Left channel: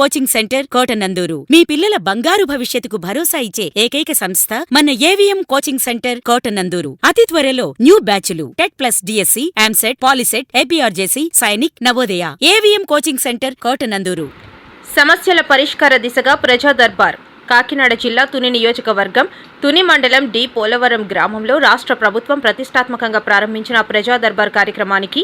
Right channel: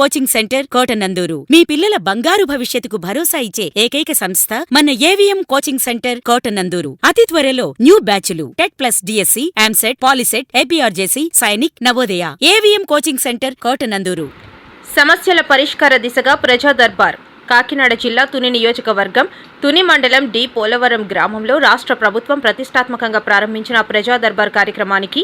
Coaching centre Kotananduru మీ పిల్లల బంగారు భవిష్యత్తుకు భరోసా ఇచ్చే ఏకైక సంస్థ మన ఏవిఎం కోచింగ్ సెంటర్ కోటనందూరు. అతి త్వరలో న్యూ బ్యాచ్లు TET plus DSC, EAMCET, POLYCET, APRJC, Sainik, Navodaya. AVM coaching centre Kotananduru. సమస్యల పరిష్కార దిశగా ప్రజా దర్బార్. కాకినాడ జిల్లా తుని నియోజకవర్గం తుని మండలం డి పోలవరం గ్రామంలో రాష్ట్ర ప్రభుత్వం ప్రతిష్టాత్మకంగా ప్రారంభించిన ప్రజా దర్బార్ కార్యక్రమానికి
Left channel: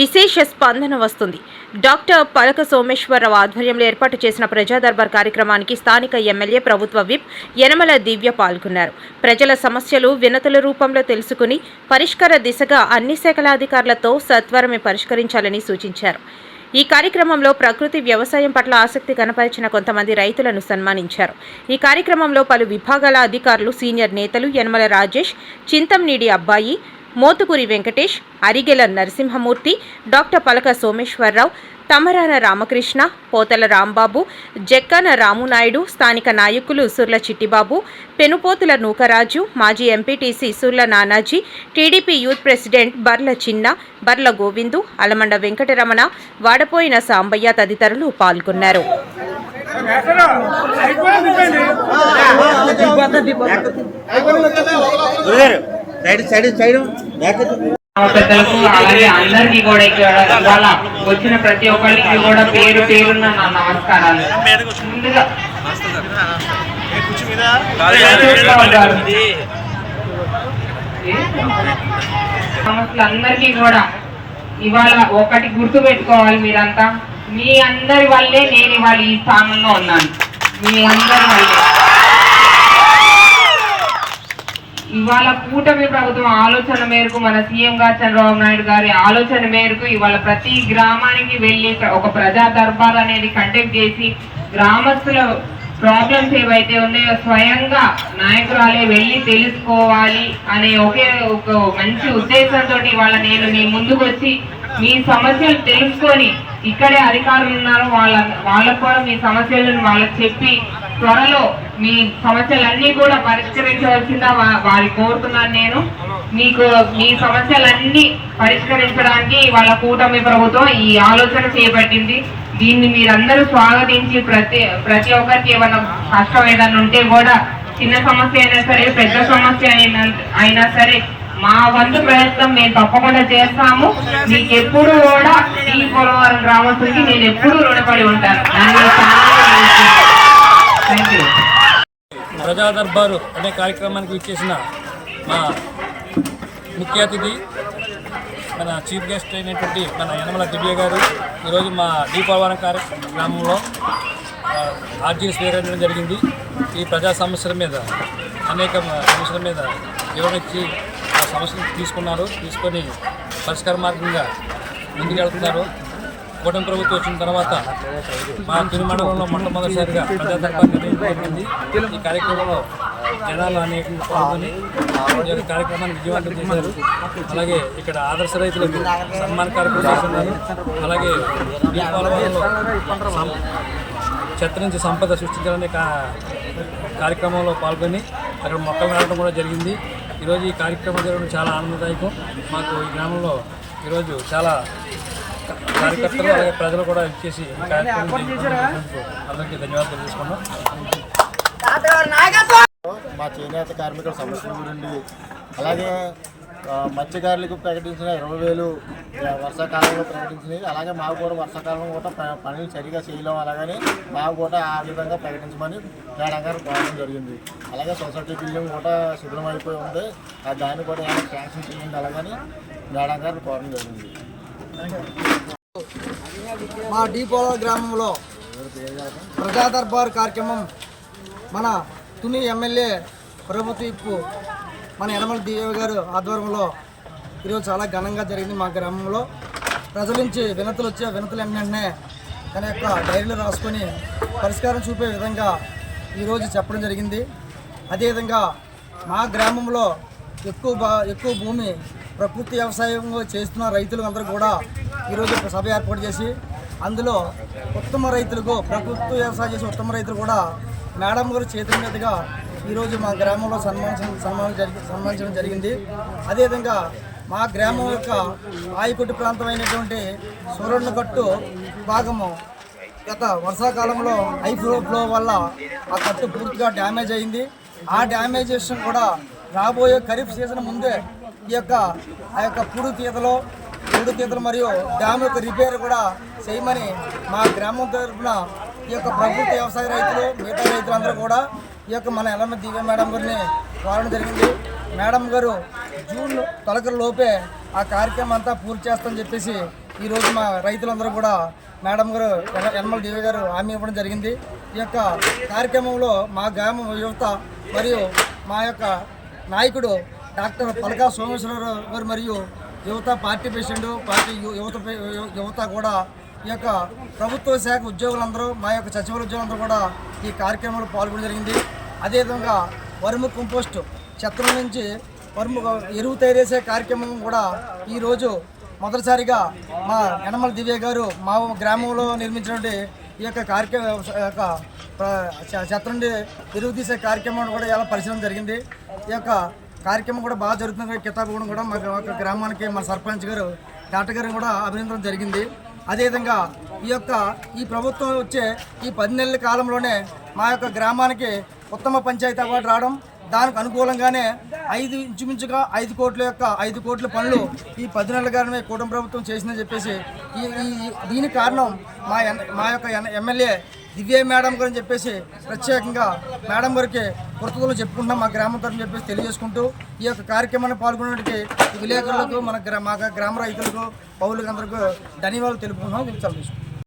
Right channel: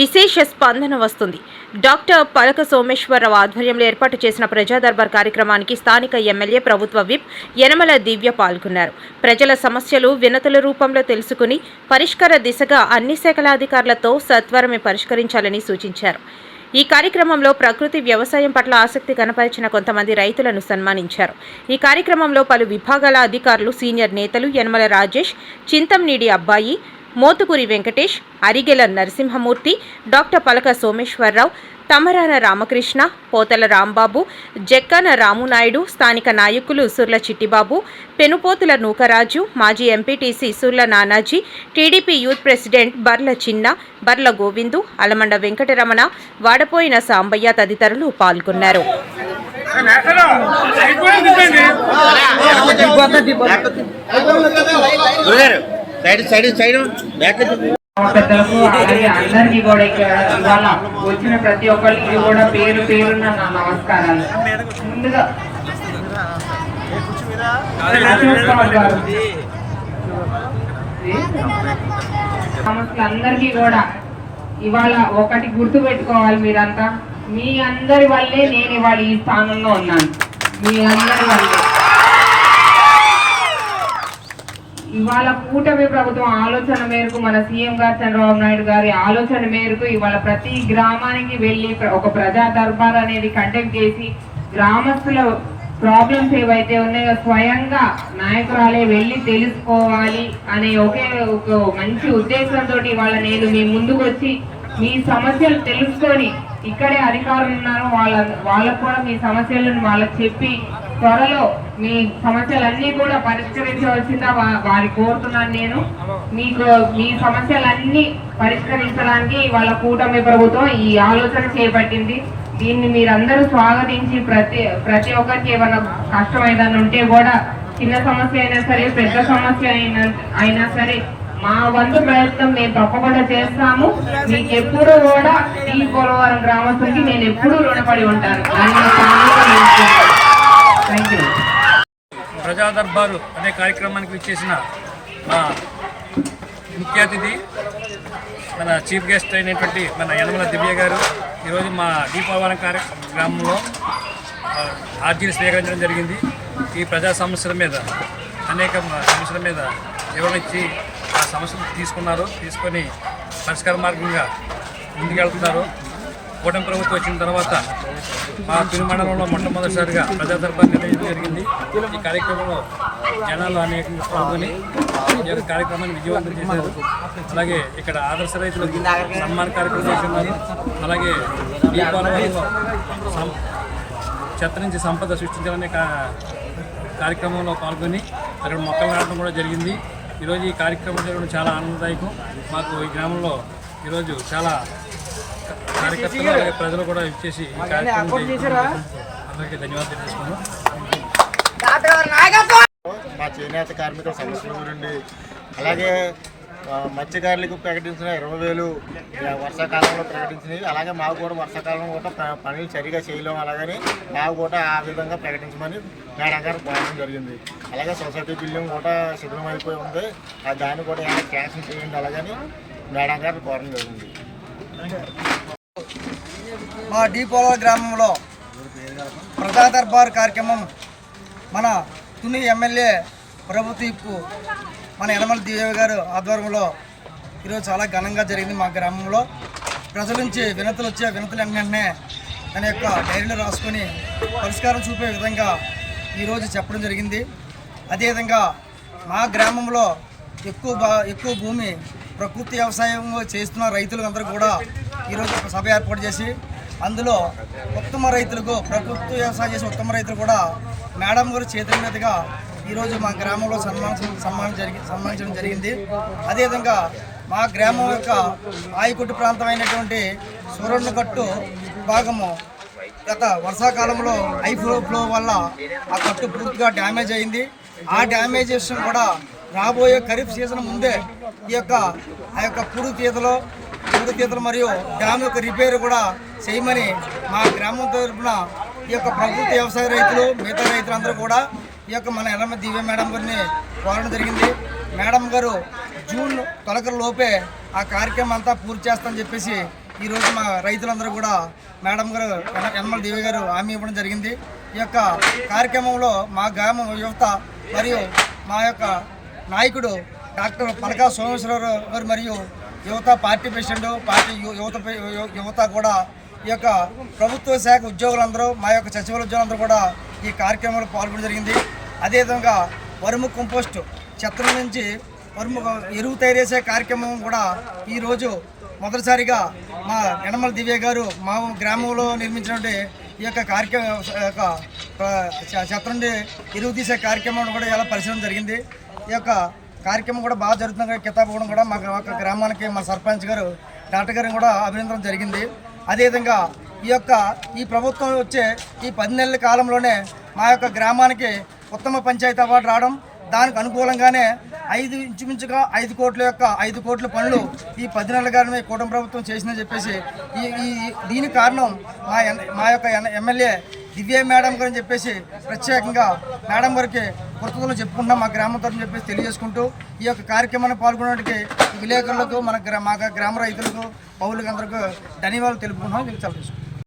విశేష స్పందన వస్తుంది. డాక్టర్ పలక సోమేశ్వరరావు ఆధ్వర్యంలో ఏర్పాటు చేసిన ప్రజా దర్బార్ కార్యక్రమానికి స్థానిక ఎమ్మెల్యే, ప్రభుత్వ విప్ యనమల దివ్య పాల్గొన్నారు. ప్రజల సమస్యలు వినతుల రూపంలో తెలుసుకుని పరిష్కార దిశగా అన్ని శాఖల అధికారులతో సత్వరమే పరిష్కరించాలని సూచించారు. ఈ కార్యక్రమంలో ప్రకృతి వ్యవసాయం పట్ల ఆసక్తి కనపరిచిన కొంతమంది రైతులను సన్మానించారు. ఈ కార్యక్రమంలో పలు విభాగాల అధికారులు, సీనియర్ నేతలు యనమల రాజేష్, చింతంనీడి అబ్బాయి, మోతుకూరి వెంకటేష్, అరిగెల నరసింహమూర్తి, డాక్టర్ పలక సోమేశ్వరరావు, తమరాన రామకృష్ణ, పోతల రాంబాబు, జక్కన రామునాయుడు, స్థానిక నాయకులు సుర్ల చిట్టిబాబు, పెనుపోతుల నూకరాజు, మాజీ MPTC Surla Nanaji, TDP youth president Barla Chinna, Barla Govindu, Alamanda Venkataramana, Vadapoyina Sambaiah తదితరులు పాల్గొన్నారు. పెద్దలకు అలాగే అందరికీ కూడా ఇవాళ వచ్చిన ప్రతి ఒక్కరికి కూడా పేరు పేరున్న నా నమస్కారాలు. ముందుగా అందరికీ కూడా ఇవాళ ఒకటి గుర్తు పెట్టుకోవాలి. మీరంతా మీ అందరి వల్లే నేను ఇవాళ ఈ స్థానంలో ఉన్నాను. మీ అందరి వల్లే ఇవాళ కూటమి ప్రభుత్వం ఆలోచన మేరకు, మన సీఎం గారు చంద్రబాబు నాయుడు గారి ఆలోచన మేరకు ఇవాళ ప్రతి గ్రామానికి వెళ్ళి ఒక ప్రజా దర్బార్ అనేది కండక్ట్ చేసి గ్రామస్తుల ప్రాబ్లమ్స్ ఏవైతే ఉన్నాయో స్వయంగా నాయకురాలే వెళ్ళి తెలుసుకోవాలి అనే ఒక మంచి ఉద్దేశంతో ఇవాళ నేను మీ ముందుకు వచ్చి మీ సమస్యలు తెలుసుకొని, ఇక్కడే అధికారులు ఉన్నారు వాళ్ళకు కూడా మీ సమస్యలను వాళ్ళకి చెప్పి త్వరలో మీ సమస్యలన్నీ కూడా పరిష్కరించవలసిందా వారి కోరుతున్నాను. నేను మీకు మీ సమస్యలన్నీ పరిష్కరించడానికి వాళ్ళ కూటమి ప్రభుత్వం ఈ ఆలోచన చేపట్టింది. దీన్ని మీరందరూ స్వాగతించి ప్రతి ఒక్కరికి ఏమైనా కష్టం ఏదైనా ఉంటే కూడా, చిన్న సమస్య అయినా సరే, పెద్ద సమస్య అయినా సరే, మా వంతు ప్రయత్నం మేము తప్పకుండా చేస్తాము. మీకు ఎప్పుడు కూడా ఈ పోలవరం గ్రామస్తులకి నేను ఎప్పుడూ రుణపడి ఉంటాను. ప్రజా దర్బారు అనే కార్యక్రమానికి విచ్చేసిన మా ముఖ్య అతిథి, మన చీఫ్ గెస్ట్ అయినటువంటి మన యనమల దివ్య గారు ఈరోజు మా డి పోలవరం గ్రామంలో ఆర్జీని స్వీకరించడం జరిగింది. ఈ ప్రజా సమస్యల మీద, అనేక సమస్యల మీద వివరణ ఇచ్చి ఆ సమస్యలు తీసుకొని పరిష్కార మార్గంగా ముందుకెళ్తున్నారు. కూటమి ప్రభుత్వం వచ్చిన తర్వాత మా తుని మండలంలో మొట్టమొదటిసారిగా ప్రజా దర్బార్ నిర్వహించడం జరిగింది. ఈ కార్యక్రమంలో జనాలు అనేకంగా పాల్గొని ఈ యొక్క కార్యక్రమాన్ని విజయవంతం చేశారు. అలాగే ఇక్కడ ఆదర్శ రైతులకు సన్మాన కార్యక్రమం చేస్తున్నారు. అలాగే ఈ పోలవరంలో చెత్త నుంచి సంపద సృష్టించాలనే కార్యక్రమంలో పాల్గొని అక్కడ మొక్కలు నాటడం కూడా జరిగింది. ఈరోజు ఈ కార్యక్రమం జరగడం చాలా ఆనందదాయకం. మాకు ఈ గ్రామంలో ఈరోజు చాలా కార్యకర్తలు అలాగే ప్రజలు కూడా ఇచ్చేసి ఈ కార్యక్రమం చేసినందుకు అందరికీ ధన్యవాదాలు తెలియజేసుకున్నాం. మా చేనేత కార్మికుల సమస్యల గురించి, అలాగే మత్స్యకారులకు ప్రకటించిన 20,000 వర్షాకాలంలో ప్రకటించినవి, అలాగే మాకు కూడా వర్షాకాలంలో కూడా పనులు సరిగా చేయలేం, అలాగని మాకు కూడా ఆ విధంగా ప్రకటించమని మేడం గారు కోరడం జరిగింది. అలాగే సొసైటీ బిల్డింగ్ కూడా శిథిలం అయిపోయి ఉంది, దాన్ని కూడా ఏమైనా క్యాన్సిల్ చేయండి అలాగని మేడం గారు కోరడం జరిగింది. మా డి పోలవరం గ్రామంలో ప్రజా దర్బార్ కార్యక్రమం మన తుని ఎమ్మెల్యే, ప్రభుత్వ ఇప్పు మన యనమల దివ్య గారు ఆధ్వర్యంలో ఈరోజు చాలా ఘనంగా జరిగింది. మా గ్రామంలో ప్రజల నుంచి వినతులు వచ్చే వినతులు వెంటనే తన యొక్క డైరీలో రాసుకొని పరిష్కారం చూపే విధంగా ఈరోజు చెప్పడం జరిగింది. అదేవిధంగా మా గ్రామంలో ఎక్కువ భూమి ప్రకృతి వ్యవసాయం చేస్తున్న రైతులు అందరూ కూడా ఈరోజు సభ ఏర్పాటు చేసి, అందులో ఉత్తమ రైతులకు, ప్రకృతి వ్యవసాయం చేసే ఉత్తమ రైతులు కూడా మేడం గారు చేతుల మీదుగా ఈరోజు మా గ్రామంలో సన్మానించడం జరిగింది. అదేవిధంగా మా గ్రామం యొక్క ఆయకట్టు ప్రాంతమైనటువంటి సూరన్నగట్టు భాగము గత వర్షాకాలంలో హై ఫ్లో వల్ల ఆ కట్టు పూర్తిగా డ్యామేజ్ అయింది. ఆ డ్యామేజేషన్ కూడా రాబోయే ఖరీఫ్ సీజన్ ముందే ఈ యొక్క ఆ యొక్క పూడు తీతలు మరియు డ్యామ్ యొక్క రిపేర్ కూడా చేయమని మా గ్రామం తరఫున ఈ యొక్క ప్రభుత్వ వ్యవసాయ రైతులు మిగతా రైతులందరూ కూడా ఈ యొక్క మన ఎల్లమ్మ దివ్య మేడం గారిని కోరడం జరిగింది. మేడం గారు జూన్ తొలకల లోపే ఆ కార్యక్రమం అంతా పూర్తి చేస్తామని చెప్పేసి ఈరోజు మా రైతులందరూ కూడా మేడం గారు యనమల దివ్య గారు హామీ ఇవ్వడం జరిగింది. ఈ యొక్క కార్యక్రమంలో మా గ్రామ యువత మరియు మా యొక్క నాయకుడు డాక్టర్ పలకా సోమేశ్వరరావు గారు మరియు యువత పార్టీ ప్రెసిడెంట్ పార్టీ యువత కూడా ఈ యొక్క ప్రభుత్వ శాఖ ఉద్యోగులందరూ మా యొక్క సచివాలయ ఉద్యోగులందరూ కూడా ఈ కార్యక్రమంలో పాల్గొనడం జరిగింది. అదేవిధంగా వరుము కంపోస్ట్ చెత్త నుంచి వరుము ఎరువు తయారు చేసే కార్యక్రమం కూడా ఈరోజు మొదటిసారిగా మా యనమల దివ్య గారు మా గ్రామంలో నిర్మించినటువంటి ఈ యొక్క చెత్త నుండి ఎరువు తీసే కార్యక్రమం కూడా ఇలా పరిశీలన జరిగింది. ఈ యొక్క కార్యక్రమం కూడా బాగా జరుగుతుంది. కితాబు కూడా మా గ్రామానికి మా సర్పంచ్ గారు డాక్టర్ గారిని కూడా అభినందన జరిగింది. అదేవిధంగా ఈ ప్రభుత్వం వచ్చే ఈ 10 నెలల కాలంలోనే మా యొక్క గ్రామానికి ఉత్తమ పంచాయతీ అవార్డు రావడం, దానికి అనుకూలంగానే ఇంచుమించుగా 5 కోట్ల పనులు ఈ 10 నెలలుగానే కూటమి ప్రభుత్వం చేసిందని చెప్పేసి దీనికి కారణం మా యొక్క ఎమ్మెల్యే దివ్య మేడం గారు అని చెప్పేసి ప్రత్యేకంగా మేడం గారికి కృతజ్ఞతలు చెప్పుకుంటున్నాం మా గ్రామం తరఫున చెప్పేసి తెలియజేసుకుంటూ ఈ యొక్క కార్యక్రమాన్ని పాల్గొనడానికి విలేకరులకు మా గ్రామ రైతులకు పౌరులకు అందరికీ ధన్యవాదాలు తెలుపుకుంటున్నాం.